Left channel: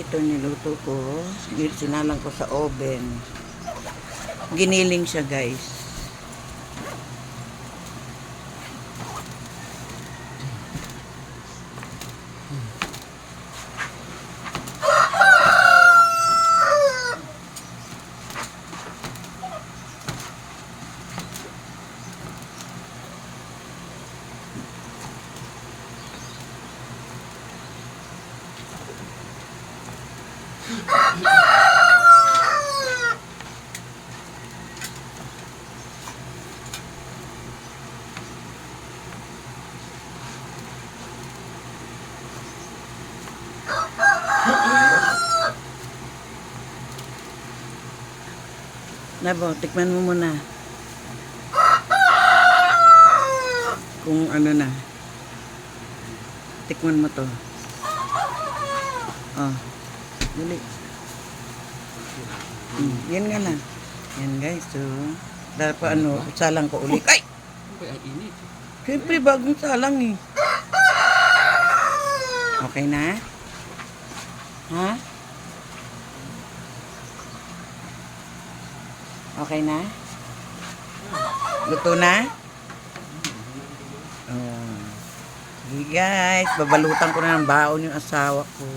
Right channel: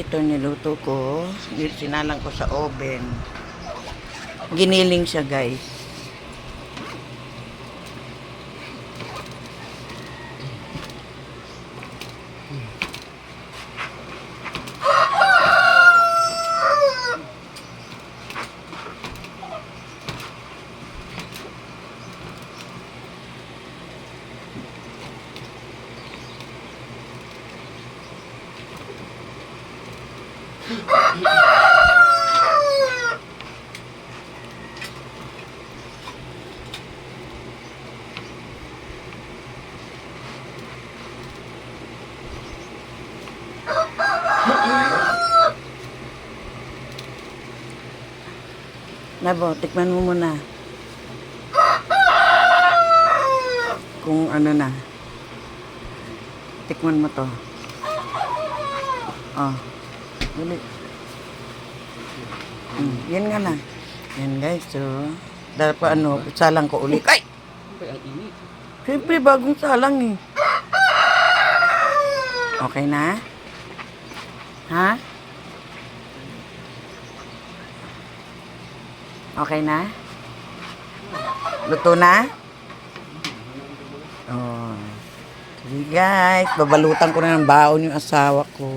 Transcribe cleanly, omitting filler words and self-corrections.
ito niluto ko. Sinalang ko sa oven. Giniling siya, guys. Nabo, tikman mo muna. Kung ano na. Tikman mo to. Oh. Dali. Yan nga lang. Yan guys, so. Dapat ano, salang ko ulit. Ay! Ang init. Siyempre, bagong salang eh. Okay na? Ha? Okay na? Luto na? Oh. Sige guys, babalutan ko na ng baon yung asawa ko.